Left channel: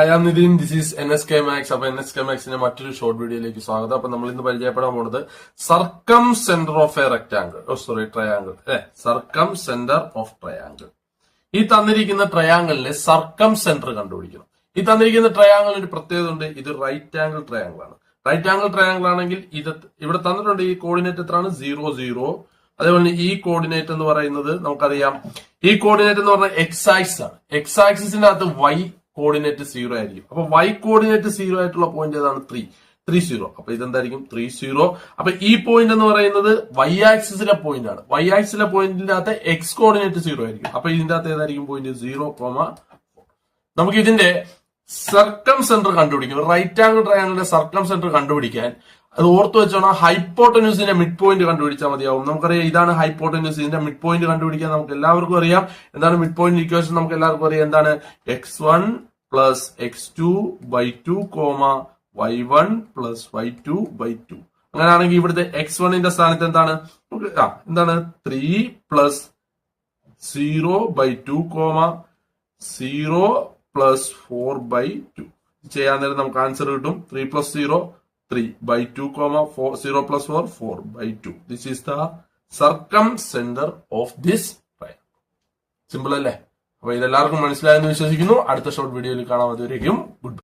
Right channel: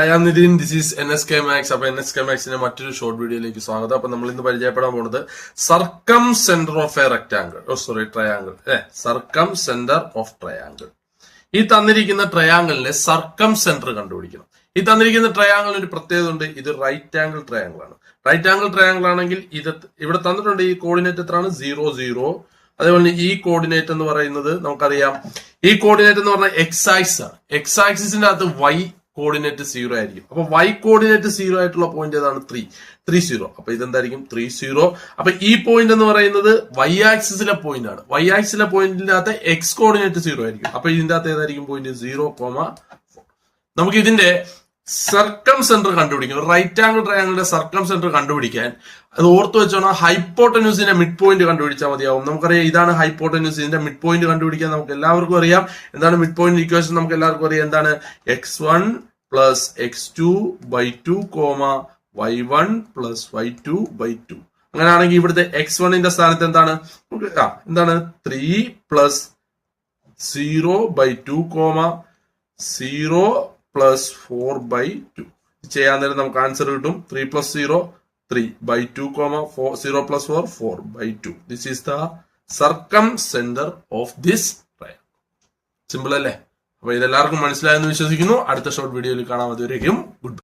I am Nitin, this is NSK Max. അപ്പൊ NSK Maxന്റെ മറ്റൊരു ഷോർട്ട് വീഡിയോയിലേക്ക് സ്വാഗതം. അപ്പൊ നമ്മൾ ഇന്ന് പരിചയപ്പെടാൻ പോകുന്നത് circumcentre of a rectangle, triangle, circumcentre of triangle. ഈ തന്നിരിക്കുന്ന ട്രയാംഗിളിന്റെ സർക്കം സെന്റർ കണ്ടുപിടിക്കണം. ഈ തന്നിരിക്കുന്ന ട്രയാംഗിളിന് ഒരു പ്രത്യേകത ഉണ്ട്. ഇത് റൈറ്റ് ആംഗിൾ ട്രയാംഗിൾ ആണ്. റൈറ്റ് ആംഗിൾ ട്രയാംഗിൾ ആണെങ്കിൽ ഇത് ഇവിടെ തന്നിട്ടുണ്ട്. ഈ കോർഡിനേറ്റ് എത്രയാണ്? 0 0. അതേപോലെ ഈ കോർഡിനേറ്റ് എന്ന് പറയുന്നത് നമുക്കറിയാം. ഈ കോർഡിനേറ്റ് എന്ന് പറഞ്ഞാൽ എക്സ് ആക്സിസ് ആണ്. എക്സ് ആക്സിസിന്റെ അകത്ത് വൈ കോർഡിനേറ്റ് 0 ആയിരിക്കും. അപ്പൊ വൈ കോർഡിനേറ്റ് 0 ആയിട്ടുള്ള പോയിന്റ് ഏതാണ്? 3 0. അപ്പൊ ഇതെന്തായിരിക്കും? 3 0. അപ്പൊ ഈ പോയിന്റ് എന്ന് പറയുന്നത് വൈ ആക്സിസിലെ പോയിന്റ് ആണ്. വൈ ആക്സിസിലെ പോയിന്റിന്റെ അകത്ത് എക്സ് കോർഡിനേറ്റ് 0 ആയിരിക്കും. അപ്പൊ ഇതിന്റെ അകത്ത് ഏതായിരിക്കും പോയിന്റ്? 0,4. നമുക്ക് ഇതിന്റെ സർക്കം സെന്റർ കണ്ടുപിടിക്കണം. റൈറ്റ് ആംഗിൾ ട്രയാംഗിളിന്റെ സർക്കം സെന്റർ കണ്ടുപിടിക്കാൻ അത് ഓർത്ത് വെച്ചോണം. ഹൈപ്പോട്ടന്യൂസിന്റെ മിഡ് പോയിന്റ് കണ്ടുപിടിച്ചാൽ മതിയാവും. നമുക്കറിയാം ഇതാണ് ഹൈപ്പോട്ടന്യൂസ്. ഇതിന്റെ മിഡ് പോയിന്റ് കണ്ടുപിടിക്കാൻ നമുക്ക് എല്ലാവർക്കും അറിയാം. എന്താണ് മിഡ് പോയിന്റ് ഇക്വേഷൻ? നമുക്ക് എല്ലാവർക്കും അറിയാം. എന്താണ്? x1 plus x2/2 y1 plus y2/2. അങ്ങനെയാണെങ്കിൽ ഇവിടുത്തെ x1ന്റെ സ്ഥാനത്ത് എന്താണ്? എന്താണ്? 3 പ്ലസ് 0/2 0 പ്ലസ് 4/2. ചെയ്യാൻ നേരം നമുക്ക് ആൻസർ കിട്ടും. 3 plus 0 3/2, 0 plus 4 4/2. This is the circumcentre of this triangle. Simple അല്ലേ? അപ്പൊ ഇതെല്ലാവർക്കും മനസ്സിലായെന്ന് വിശ്വസിക്കുന്നു. അടുത്ത ഷോർട്ട് വീഡിയോയിൽ കാണാൻ. അതുവരേക്കും ഗുഡ്.